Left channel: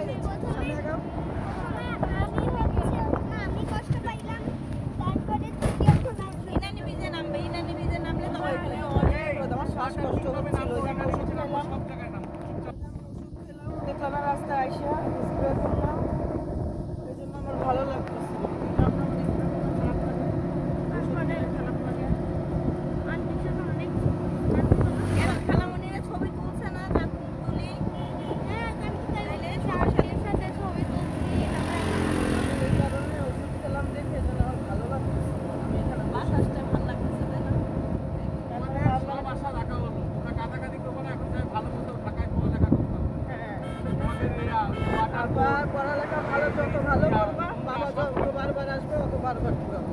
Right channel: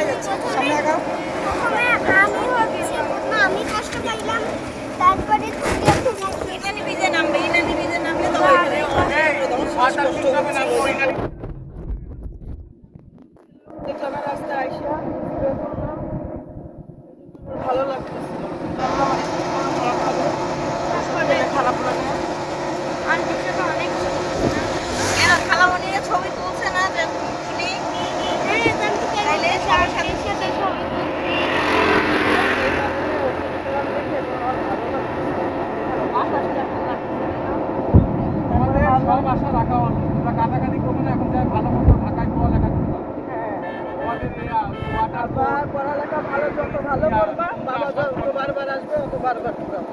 কোনখানে যাচ্ছে সামনে আগাও। আমি কষ্ট পাইলাম, তারপরে ইনানি বিজে নামবে, ইনানি বিজে নামলে তো এখানে রাস্তা আইসা ভালো লাগতেছে, খারাপ লাগে। কেন খালামণিরা ছবি তুলছে না যে শুনি? তাইলে সবার সাথে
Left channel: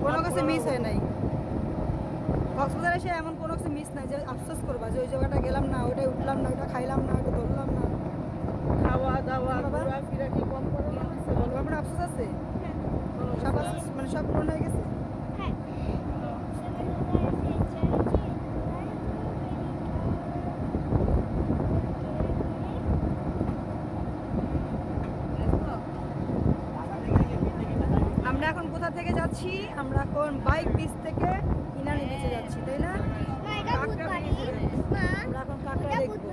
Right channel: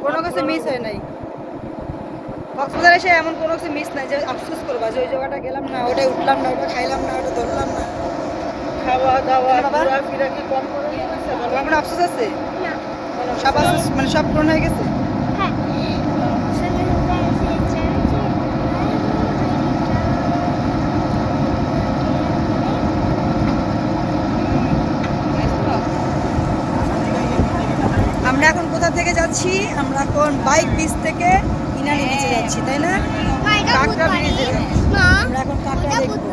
কোনো কিছু মিস হয় নাই। কক্সবাজার এসে এমন কোনো কিছু মিস নাই যে আফসোস করবা যে ওই জায়গাটা গেলাম না, ওটাই উঠলাম না, ওটা খাইলাম না, ওটা ধরলাম না। খাওয়া দাওয়া ঘোরাফেরা কি কম করে দিয়েছে? তোমার কোনো আফসোস আছে? সব আফসোস মানে সব পূরণ হয়ে গেছে? আমরা এখন কোথা থেকে যাচ্ছি? আমরা এখন বাইক বিচ থেকে ইনানি বিচে যাচ্ছি, তাই না? কাঁকড়া ব্রিজে যাচ্ছি। আমরা এখন কাঁকড়া দেখবো।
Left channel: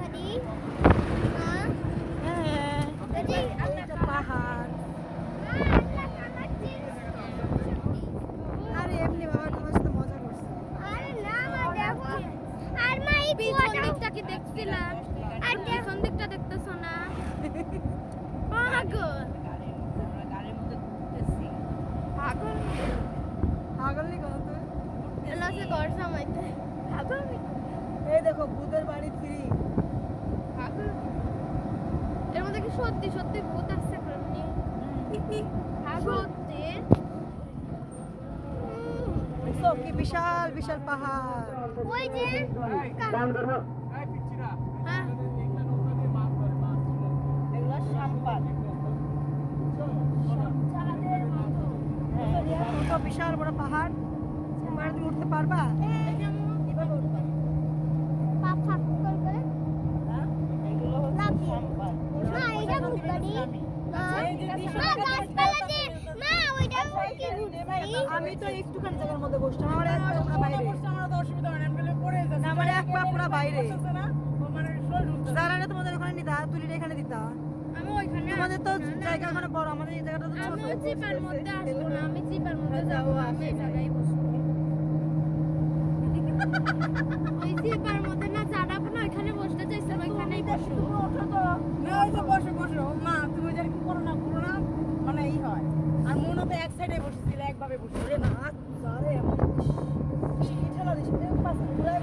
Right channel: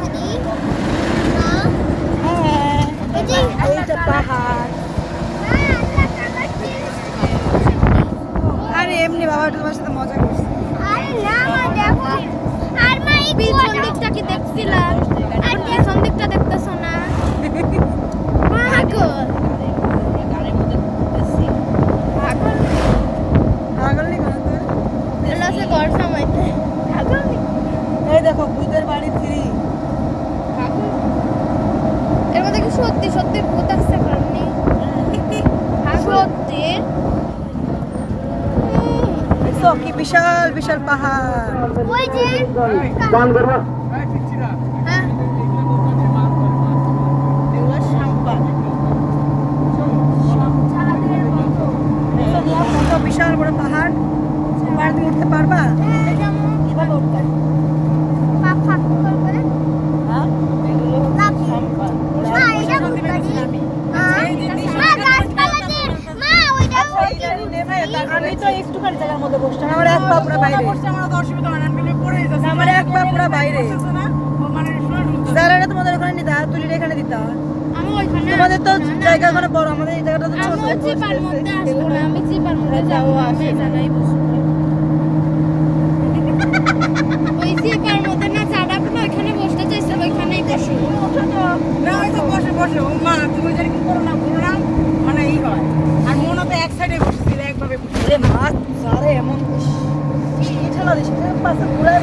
হ্যাঁ, এইটা পাহাড়। আরে এমনি বাবা একটু তোমার সাথে মজা করছি। কি দেখছিলাম, আর পেছন দিকটা দেখতেছ না? পাগল নি কোনো তুই? এই দেখো ভূতের বাড়ি 3। এর মধ্যে কি সত্যি সত্যি ভূত আছে কারণে? সত্যি দেখো কি বিশাল বিশাল পাহাড়। ওই যে গান করবো হ্যাঁ এগুলো সাম্পান। কত বিশাল বড় পাহাড়। পাহাড় তুমি উঠতে পারবা? কিভাবে উঠবে? পাপ ফাক করে হ্যাঁ এগুলো হচ্ছে সাম্পান। মা এটা ভূত বাড়ি মা গাছপালাতে মা ওইটা আমি তো একটুখানি জায়গার মধ্যে বসছিলাম, আমার এক পা পুরো বাইরে। আমার এক পা পুরো বাইরে। জায়গাটা তোমাদের ওখানে নিতে তুলির এখানে দিতে। আমি ওইখানে তোমাদের তো জায়গা ওখানে বড়, আমাদের এই জায়গাটা তো ছোট। আমি জিপার মধ্যে আসবো না, আমি জিপার মধ্যে যাবো, আমি এই জায়গায় বসবো। ওই জিপার মধ্যে না চাড়াবো না, ওইখানে বসতে চাইছে, ওইখানেই বসবো। না ওই তো বসে বসে ও মা তুমি যেন কি করো না মানে এই হয় আর মনে তো এক সাইডে বসেছিল একভাবে বসে রে মাছ সারে এমন কি ঠেলা দিস পাশে ঘুরে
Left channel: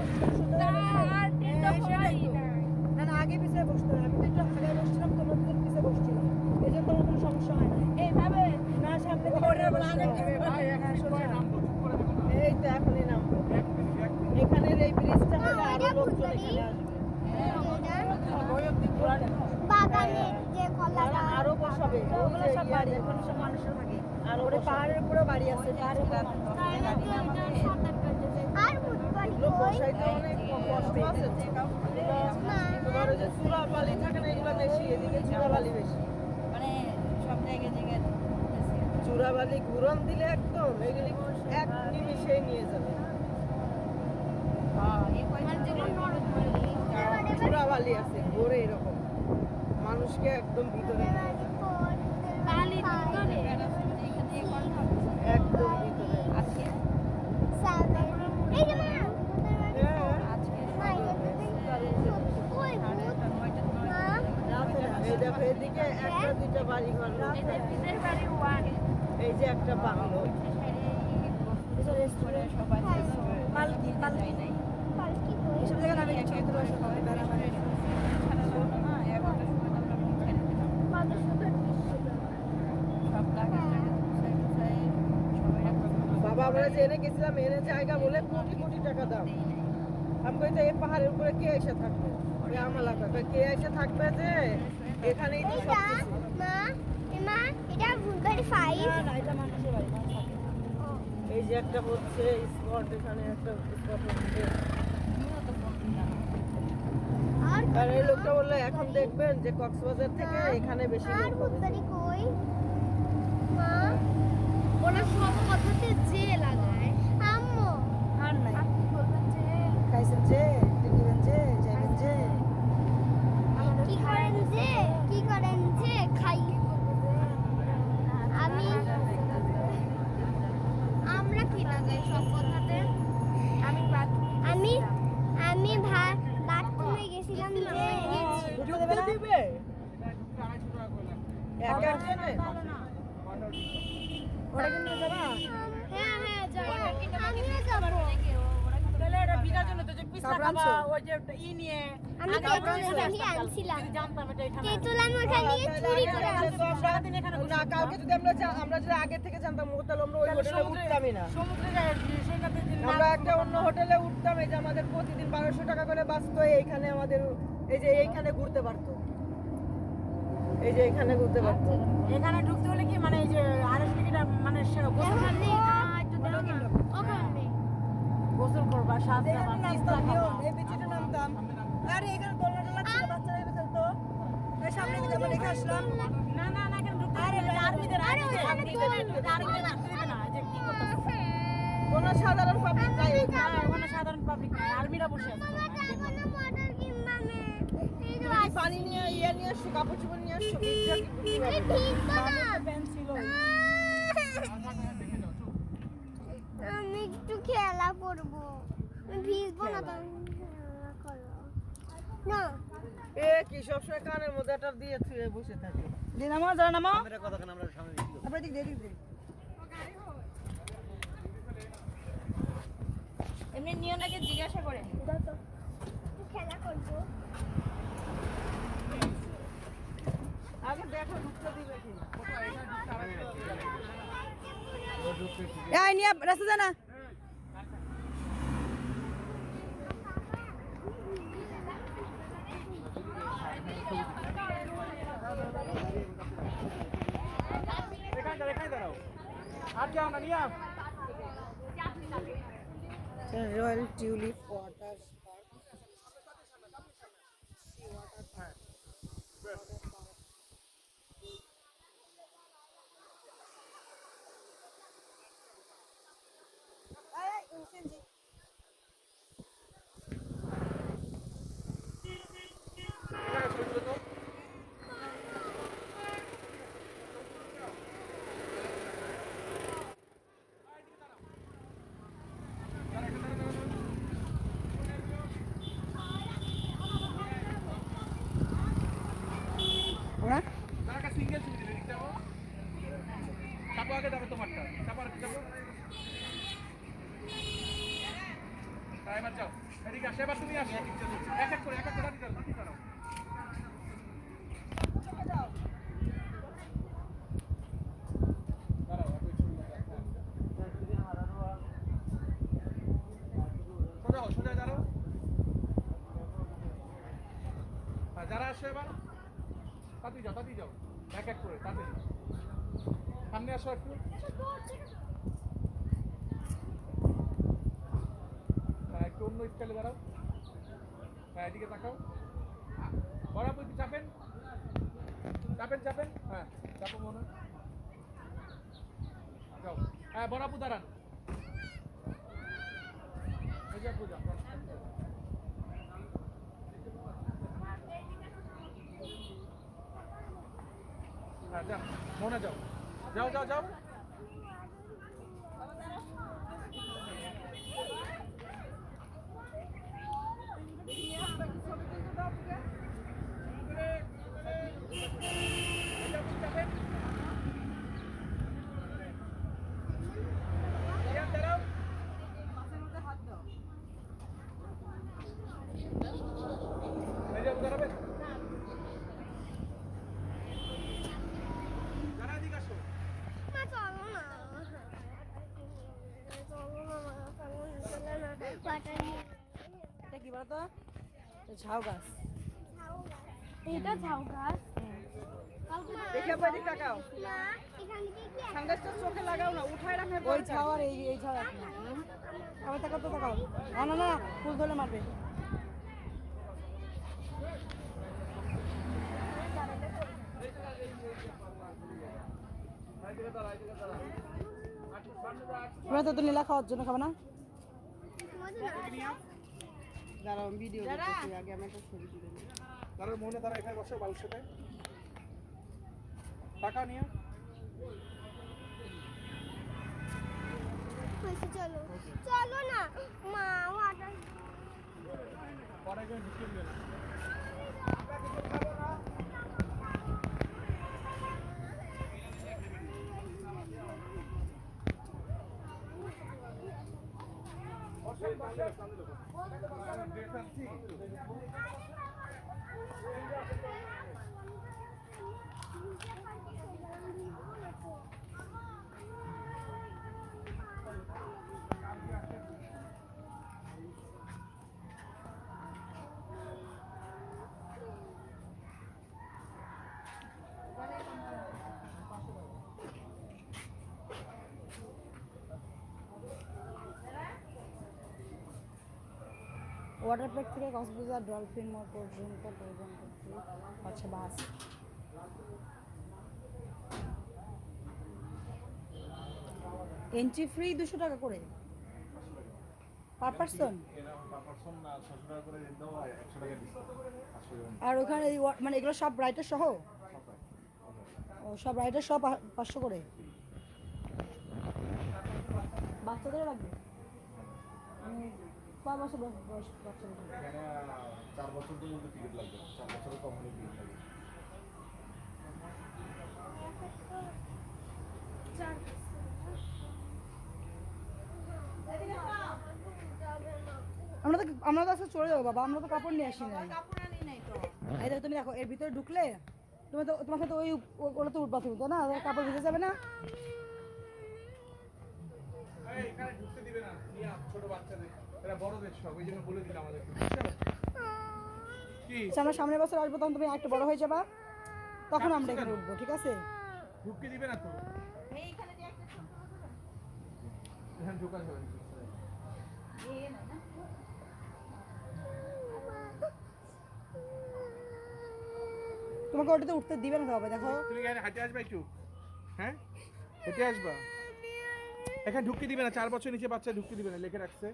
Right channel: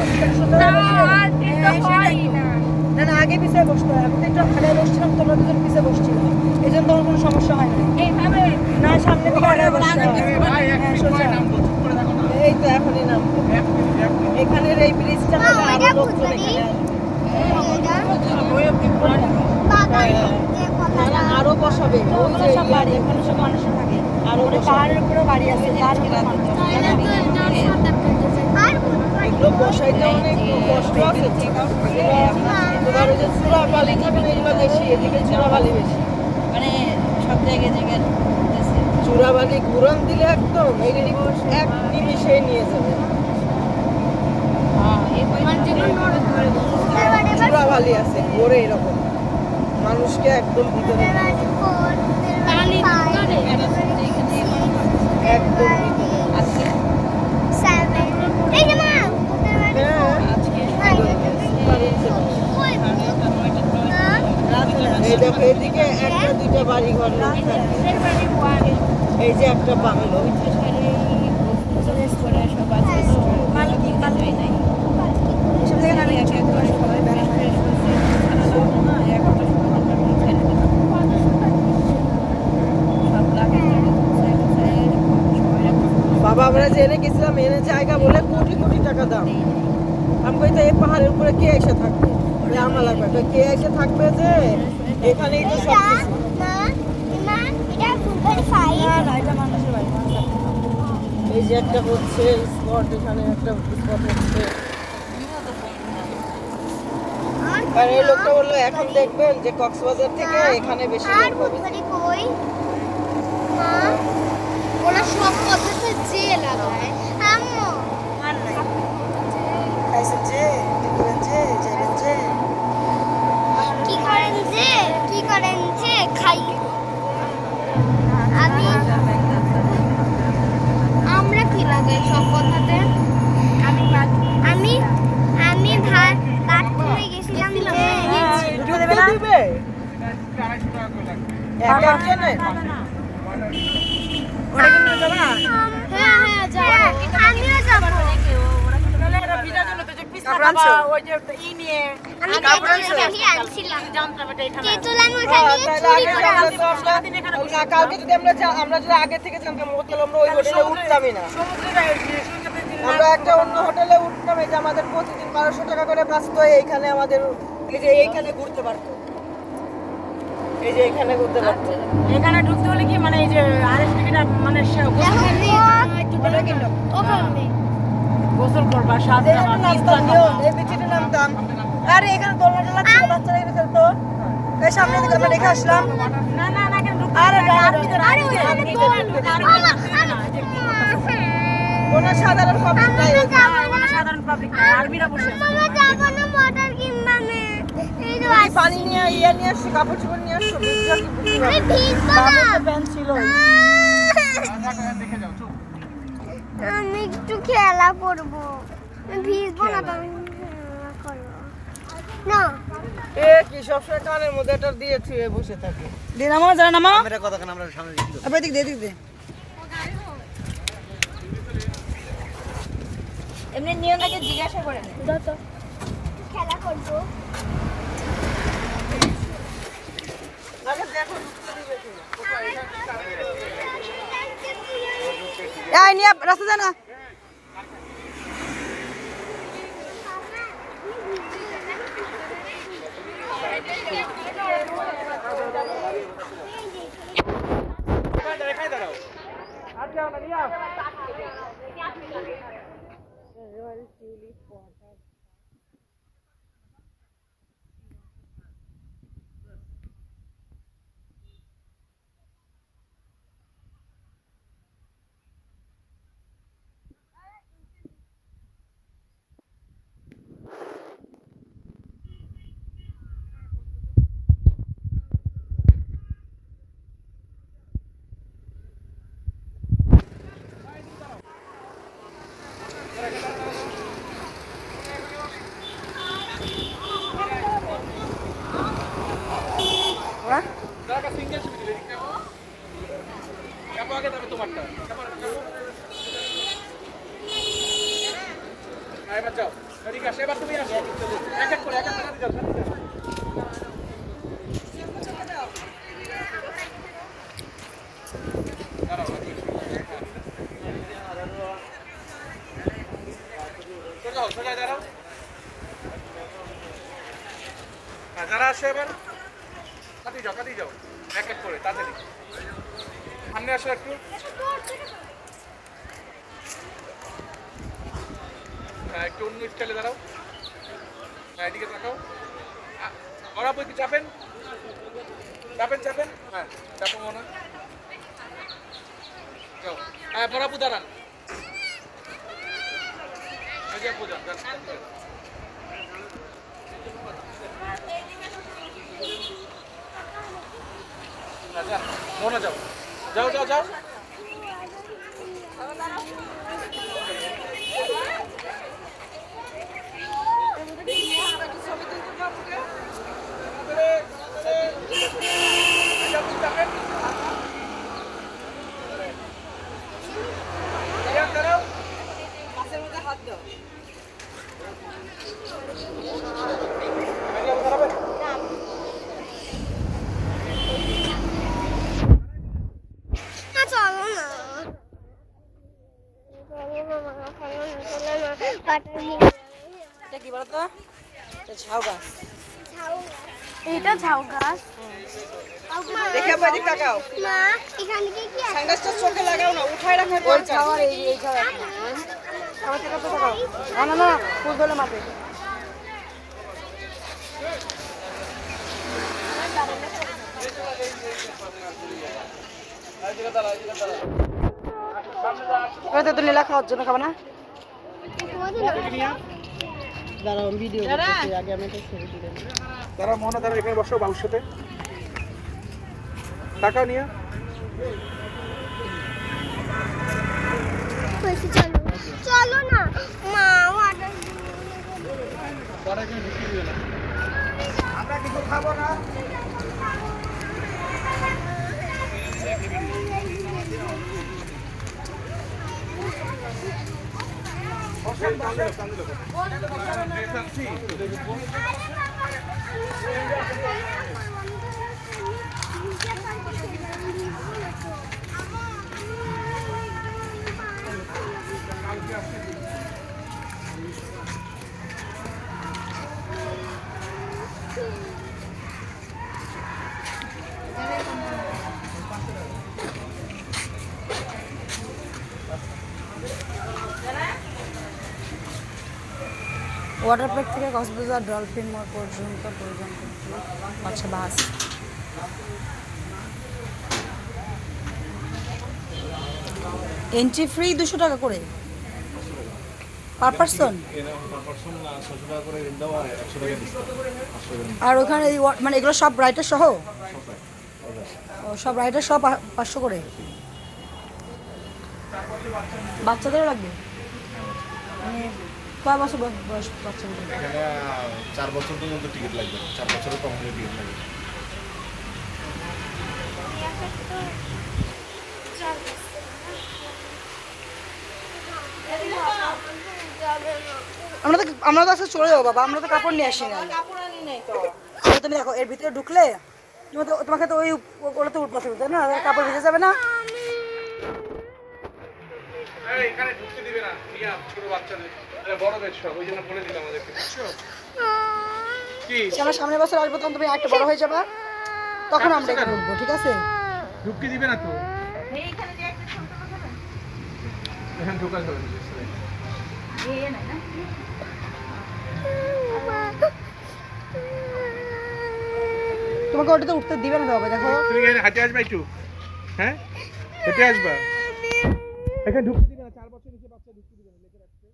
না আর এটা হয় না। না না আগে পিছিয়ে বসতে হয়। আমি তো একটু আগে বসছিলাম, তোমরা দুজন পিছিয়ে বসছিলাম, এই জন্য তোমার কোনো সমস্যা হয় না। এইভাবে না সামনে দিকে আগে বসতে হয়। হ্যাঁ সোজা। এই তো এখনই নাম এখানের এই ব্রিজটা মা ওইটা ভূত বাড়ি আরো বসাবে ওই যে সব বাড়ি এখানে সব মানুষ থাকে। আরো ওটা পাহাড়ের উপরে বাড়ি আছে, তার উপরে মানুষ থাকে। এগুলো বসাইতে অনেক কষ্ট আছে তোমার ওই যে চূড়াবালি থাকে না এগুলো বেশি এদিকে চূড়াবালি বেশি মানে সব জায়গায় জায়গায় চূড়াবালি ঘুরন দিলে একদম এগুলি এক নিমিষেই নিয়ে যাবে চূড়াবালি আছে ঘোরে এরকম মানুষকে একদম ভিতরে একদম এই দেখো এদিকে একটা দুইটা বাড়ি ঘর থাকে। এই যে একটা বাংলো এসব জায়গায় আমি সবাই বেড়াতে বাবা আমরা জেনে গেছিলাম এনে জায়গা বলে কোটি কোটি টাকা দাম আমি কই তো এই পাহাড়ের উপরে কে এসে থাকবে আমার লাগবে তো কে এসে থাকবে যে এখানেই তো সব কিছু এই যে একটা হচ্ছে স্পট এখানে একটা স্পট হচ্ছে আর এই লোকটা বললো এখন দেখবেন যে কক্সবাজার থেকে এখানে বেশি লোক হবে। কই মা ওরা সব কথাতে যে লাগায় আম্মু আর নাই খাইছেন যে দেখবেন যে যাবেন যে কি করেন যে খাই আমি আমরা কি লাগাই সব কথাতে আমি আমি বাথরুমে গেছিলাম যে ঢুকে দেবে না দিবে এক একজনে ওটা কিন্তু যাবে না হ্যাঁ যাবো আমিও যাবো কাপড় আনছো? আমি কাপড় আনছিলাম তেঁতুল আমি হ্যাঁ, ওখানে তাহলে চুরি আগে করে আমরা তো আমরা- কালকে যদি আমরা যদি আগে থেকে জানতাম হোটেল আমরা ওই হোটেলে উঠতামই না। আমরা একটা অন্য হোটেলে উঠতাম, এই যে আমাদের প্রতিদিন 1200 টাকা করে বাঁচতো, এইখানে আমাদের এই যে এইখানে ঘুরতে পারতো, এই যে এইখানে ঘুরতে পারতো। এখানে ঢুকতে হলে কি মানে এই যে আরেক টিকিট মানে গোসল করবা সাত এই একটু নামতাম নিও, এই বিচিতে নামতাম। আরে এখানে দোলনা টোলনা ছিল, বাচ্চারা এখানে খেলতো। এই সামনে দিকে আমরা দেখে আসলাম। না না না কেন ঢুকতে আরে হবে? আরে ওইখানে তো কোনো সাধারণ পাবলিক নাই ওইখানে। ওখানে সাধারণ পাবলিক না আর্মিরা বসে আছে। আমরা যাবো না মোটর কিনবা না এই তো এই পানি নিয়ে নিয়ে আসছি, কাপড় চোপড় নিয়ে আসছো, ভিজা কি বুঝতে আমি পারবো। ভিজবো না প্যান্ট ছিল। আমি একটু খেলা করবো আমি ভিজবো না তো আমি খেলা করবো না এ কি সবসময় কানের মধ্যে এটা দিয়ে থুয়ে বসে থাকে। দিয়ে নামো, যারা নামো। ক্যামেরা কতক্ষণ আমরা সামনে দিকে আবার এদিক দে, এদিক দে। এমনি নিয়মটাকে জিজ্ঞাসা করে নে। খেলা করবো আগে দেখো ঢুকতে দিবে কি। এই নিয়ে রাস্তা জানা। রয়্যাল টিউলিপ ওয়াটার যারা আসে এবার কাটি যাও এক এক করে তাড়াতাড়ি সামনে আসো একটু হ্যাঁ একটু অন্য স্টাইলে দাঁড়াও হ্যাঁ এদিকে তাকাও বরাবর কি চাপেন চাপেন হ্যাঁ চাপো মনে যাও হ্যাঁ বরাবর দাঁড়ান পূজা আচ্ছা মনে যাও যাও যাও যাও চলো না এটা কি বলতো? এটা ঝাউ গাছ। এটা ঝাউ গাছ দেখে আবার এদিকে তাকাও। মা এখানে কি কি আছে সানগ্লাসটা চোখে লাগাও না, উঠায় রাখার ওই দরকার। ঝাউ আর এই ঝাউ এক না। আবার তাকাও তো তাকাও। না না না, ফুল ধরে মাপে। এবার তো লীলা খাওয়ার জন্য খাবে না? দাঁড়াও ভিডিও করতেছি আগে আমি একটা ছবি তুলে নিই। তারা মোহনা তারা এখানে বসো বাবুর সাথে টাকা নিয়ে চলো চলো না মা ওয়াটার আমরা কিছু খাবো না ওয়াটার পার্ক থেকে কক্সবাজার ডলফিন মোড় পর্যন্ত আচ্ছা বাস। এন্ট্রি ফ্রি 200 টাকা করে পার পারসন। আর ওখানে মানে এগুলো সব রাইটার সহ? ও সব রাইটার সব 500 করে। বাচ্চাদেরও লাগবে? মানে কয় বছর বয়স বাচ্চাদের? এখানে 4 বছর পর্যন্ত টিকিট লাগবে, 4 বছরের কম হলে টিকিট লাগবে। আমরা তো আজকে চলে যাবো বাবা, আমরা তো কাপড় নিয়ে আসি না। কাপড় আনি নাই তো। তুমি দেখো এর ভিতরে ঢুকলে তোমাকে তো ওই ওগুলোতে উঠতে হবে না, কাপড় ভিজে যাবে না? এখানে ঢুকতে দিবে না নিয়া ছোট বাচ্চাদের এরা বড় বেশ সব ওই জন্য বলে দিলাম আমাদেরকে বুঝছো কি আমরা সামনের বছর আসবো তখন তুমি একটা বড় হয়ে যাবা, তখন আমরা এখানে উঠবো, ঠিক আছে? ঢুকতে দিবে না তো এইখানে যে একটা ছোট কথা না এখানে ঢোকা যাবে না এই না না তোমাকে ওটাতে উঠতে দিবে না বাবা, দেখো। তুমি এখানে হাঁটে আসবা একটু হ্যাঁ হেঁটে আসবা এখানে ঢুকতে দিবে না 4 বছর নিচে বাচ্চা ঢুকতে দিবে না লিখে রাখছে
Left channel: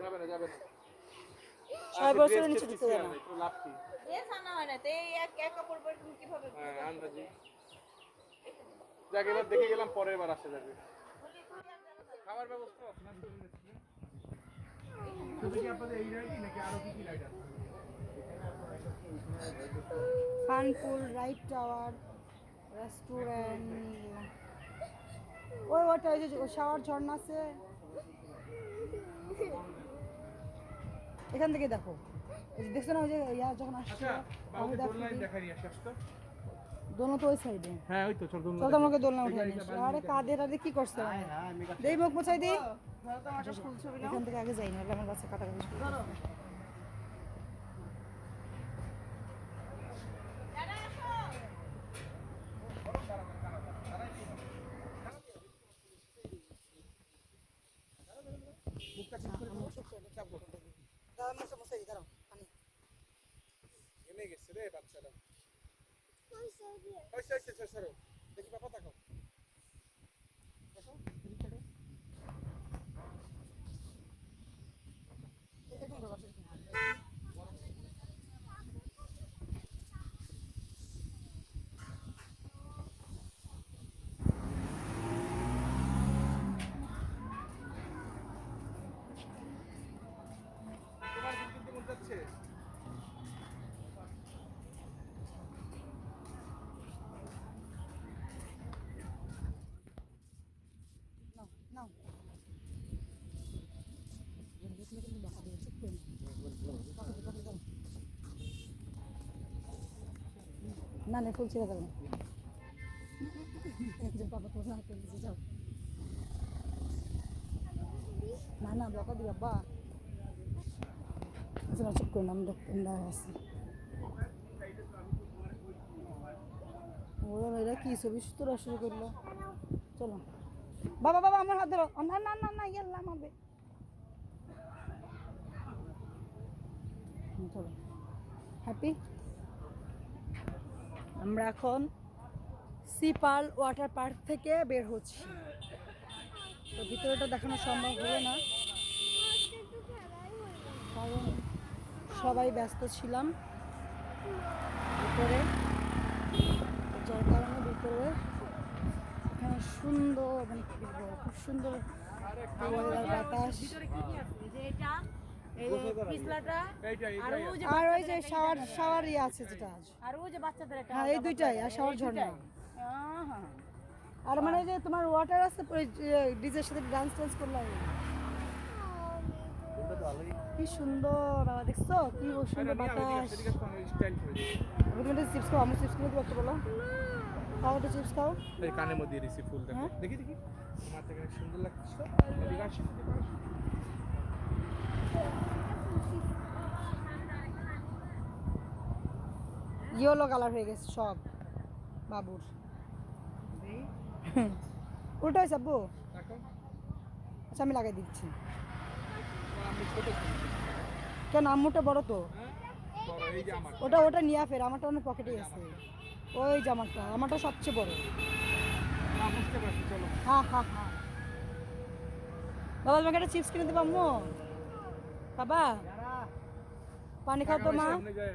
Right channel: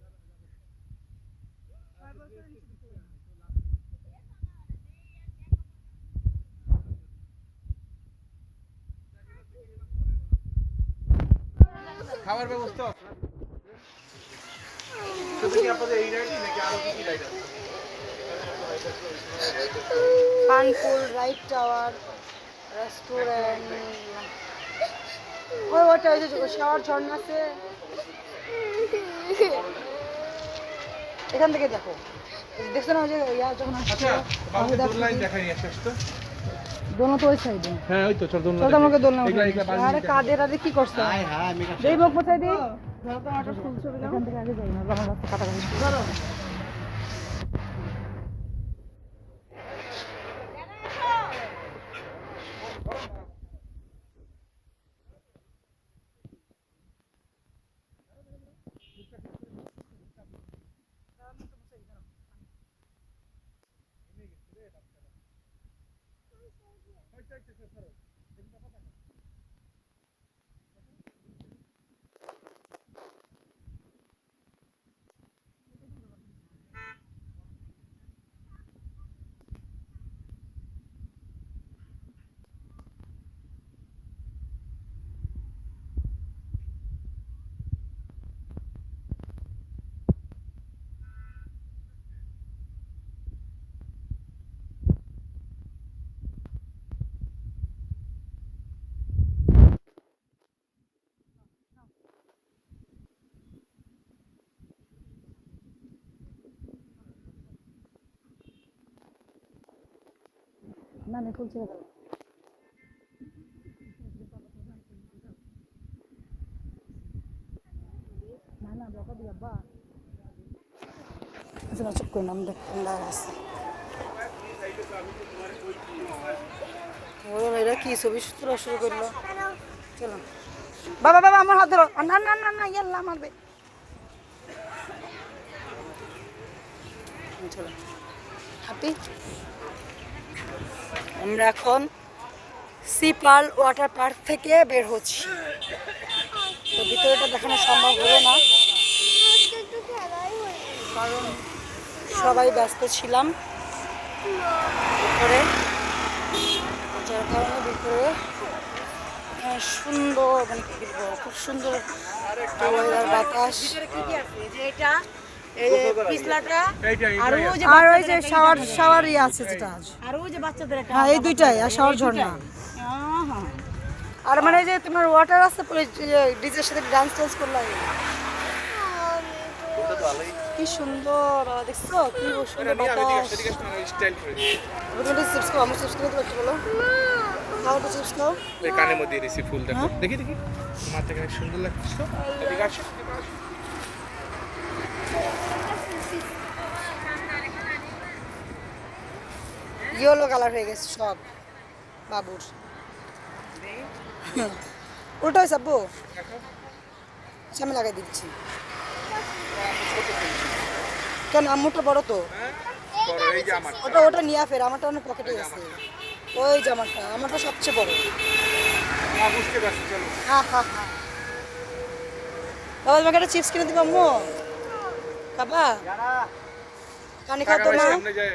যাবে না 6 বছরের নিচে ঢুকতে দেবে না। একটু লাভ কি এ সানা হয় না তো এই এক এক কাপড় পরে তুমি কিভাবে হ্যাঁ আন্দাজি যাকে এবার দেখে গেলাম পরের বার আসা যাবে খাবার ব্যবস্থা আছে না শুধু কি আপনাদের এই রাইডই নাকি আরো কি কি রাইড আছে ফানপুল, রাইট টাওয়ার, রেস্টুরেন্ট, ওটা ওই যে শাওয়ার ঝর্ণা আছে এখান থেকে দেখো, দেখছো না ওই যে ইয়া যখন আচ্ছা বাবুকে দোল লাইন দেখাই নিয়ে আসো তো দোনো তো ওই সাইডে। হ্যাঁ ওই তো চল দোল চল তো আমাকে দোলনা এগুলা উঠাই এগুলা দিস। আরে কাদের আরে কি করছ? দেই মুখ মোছাই দি। এখান থেকে আগে যাই না, আমার বাচ্চা কাটা গেল। এনে গেছে রে বাচ্চাটা হইছে সরো দেখি বাবা তাকাও তোমার কিন্তু মন যাচ্ছে না না ফুল ছেড়ে গেল। বাবা তো না করে নিচে যাও। না না বকা দি বাবা। আচ্ছা চুপ করে নাম দেখ দাঁড়া আছে। ও এরা কি ছবি তোলা শুরু করলো? চলো বাবা বাবা আমার হাত ধরো। না না না না ইয়াল্লা মারবে। চলো হ্যাপি আমরা এখন সি পার্ল ওয়াটার পার্ক থেকে বের হচ্ছি। তো ভিতরেটা দেখানো সম্ভব হলো না আজকে একটু খেলাই হয়নি। কারণ সবাই ব্যস্ত ছিলাম ভিতরে, যার কারণে ভিতরে এখানে সুন্দর মানে কি বলবো, খুব সুন্দর একটা weather, বাতাস আর ওই যে শাওয়ার ইয়ে আছে যেটা হ্যাঁ এই দুইটাই আর শাওয়ার ঝর্ণা আর মানে যে তোমার ওয়াটার আছে ডিজের সাথে ডান্স টান্স করলে কি সুন্দর দেখছো কি সুন্দর বাতাস। স্টাইল করে তুমি চিপস খাও, আমার চিপস কিনে দেবো একটু বলো, খাও তো চিপস খাও। এই কানের মধ্যে দিয়েছি ফুল, দেখো দেখি দেখি মাথা কেন সুন্দর লাগছে। এদিকে আসো, ইয়েলো কালার হয়ে গেছে সব বাবুর। ওটা হয়েছে আব্বু, আচ্ছা আমি লাগাই দিচ্ছি। কেন আম্মুটা বড় তো, এই যে আমার ওটা ওটা নিয়ে ফের, আমারটা অনেক পকেটে আছে। ওই জামাটা আমারটা সবচেয়ে বড়। বুঝতে পারছি, চলো হ্যাঁ হ্যাঁ হ্যাঁ বাবা তোমাকে একটা চিপস কিনে দিবো আম্মু, খাবা? পানি খাও তো মা। সামনে যায়।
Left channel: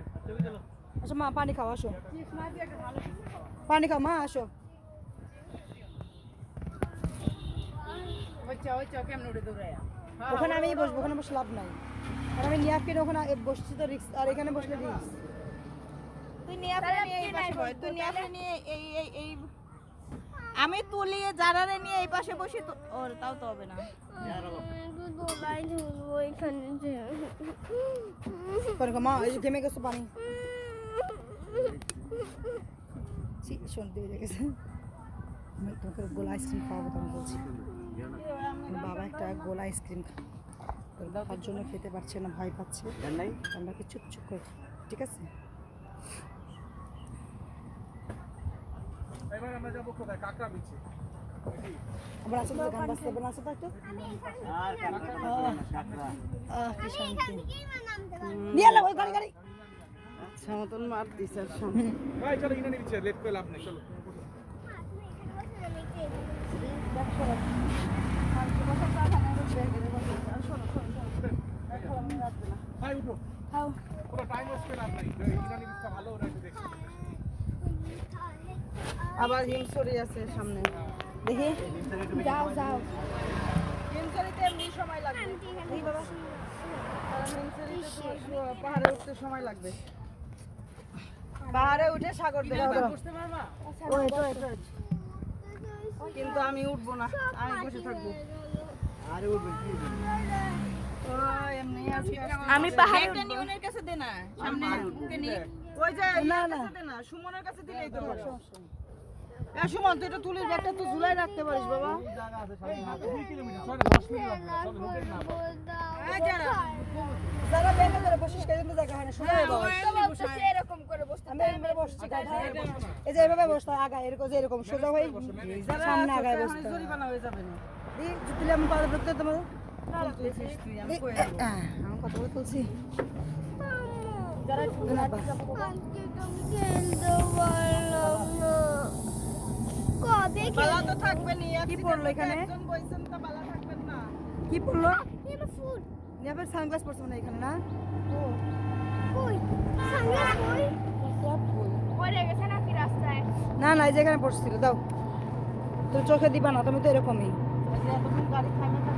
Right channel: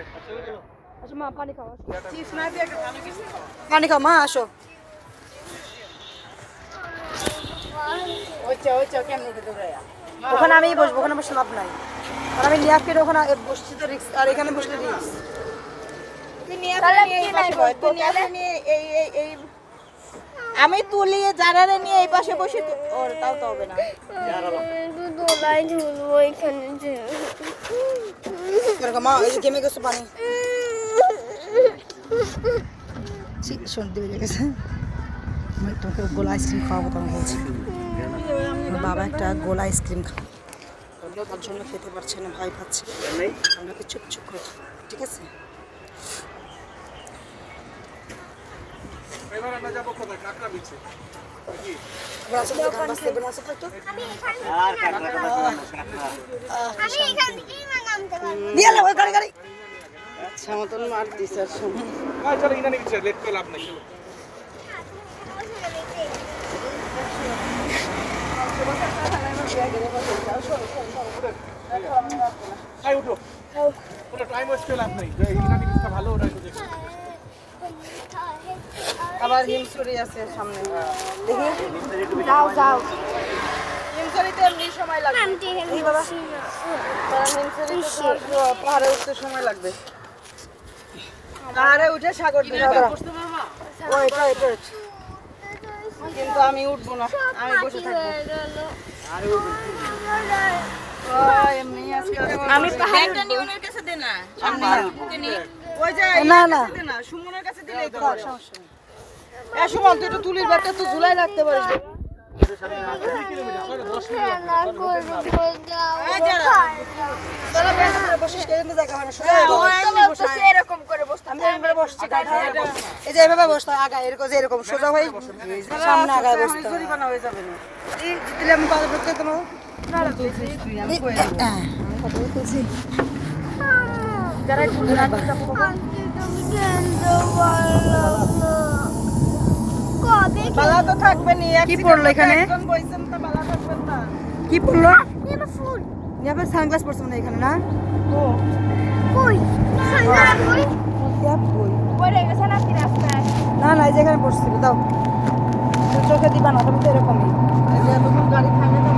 আচ্ছা মা পানি খাও, আসো পানি খাও মা, আসো। ওখানে আমি বসবো, ওখানে বসে লাভ নাই, আর আমি নিয়ে ফিরে ওখানে বসছি তো রিক্স, আর এখানে বসলে রিক্স। আমি তুলি জারারে নিয়ে এই পাশে বসে ওর তাও তো হবে না। একটু দোলায় ঝুলবো এখানে যে। এরকম মা এই যে গেমে গেছে পানি সর্দি বেজে গেছে। আমি তোমাকে গোলা আইসক্রিম খাওয়াবো, তোমার বলছি আমার বাবা একটা গোলা আইসক্রিম খাও, তার জন্য খেতে পারছে না, ভয় পাচ্ছে, আপনাকে চুপ চুপ করে খাও, ঠিক আছে? এবার আমরা যাবো কোথায়? কাকড়া বিচে। আবার আসলে তো গান বাজতে হবে না, আসলে তো আমি এখান থেকেই নামতে পারবো। নিয়ে এলো ওই গাড়ি গাড়ি। আচ্ছা মতন মার দিস আর শোন। ভাই চলো ইনানি বিচে, লেট করে লাভ নাই, চলো। ভাই উঠো, কোনো টাইম ওয়েস্ট করে লাভ নেই, ইনানি বিচটা ভালো, ওটা একটু দেখো। আবার হিমসুরি আছে সামনে, দেখি যাও যাও। হিমসুরিতে এমনি সময় লাগবে, আন্টি এই বাবা কারণ হিমসুরিতে তোমার পাহাড়ে উঠতে সময় লাগবে। পাহাড়ে উঠে সাগর দিয়ে ওইটা এটা কিন্তু আমি উঠবো না, আমি বসে থাকবো। এমনি আজকে আমি পাহাড়টা নিউনের কাছে দে না, সামনে ওই যে না না না সুমনের কাছে দিলেই তো হবে। সুমন তুই তো তুলির ব্যাগটা তো ঝুলাই রাখতে পারিস বাবা। যারা বেঁচে করে বসিস কেন জায়গা হয় না, সোজা বস। এরকম করে বসতে আমি এভাবে বসছি গাধা, এই যে এভাবে বসতে হয়, আগায় এরকম যে এরকম সোজা হয়ে সামনে আগায় বসতে হয়। জরিমানা হয়ে যাবে না। এই জিতলে আমি কথা বলতে দেবো আমি কই দেবো। কথা বলতেছি যারা একটু আন্টি তুমি খেলতে পারলাম না। কবে বালা তো থাকবে নি, কি পড়লো এখানে? একজন বইছেন তো বালা থাকবেন না। কি পড়লো? খেলবো ফুল ইয়াবে সানগ্লাস পড়ছে না এখানে না? ও কই সাঙ্গারা কই ক্যাপ বই পড়ে গেছে না কি রাস্তায় না না এই যেখানে পড়ছিল, দাও তুই চোখে দিবা না, তুমি তো এরকমই। এই যে এতক্ষণ গাড়ি থামে তো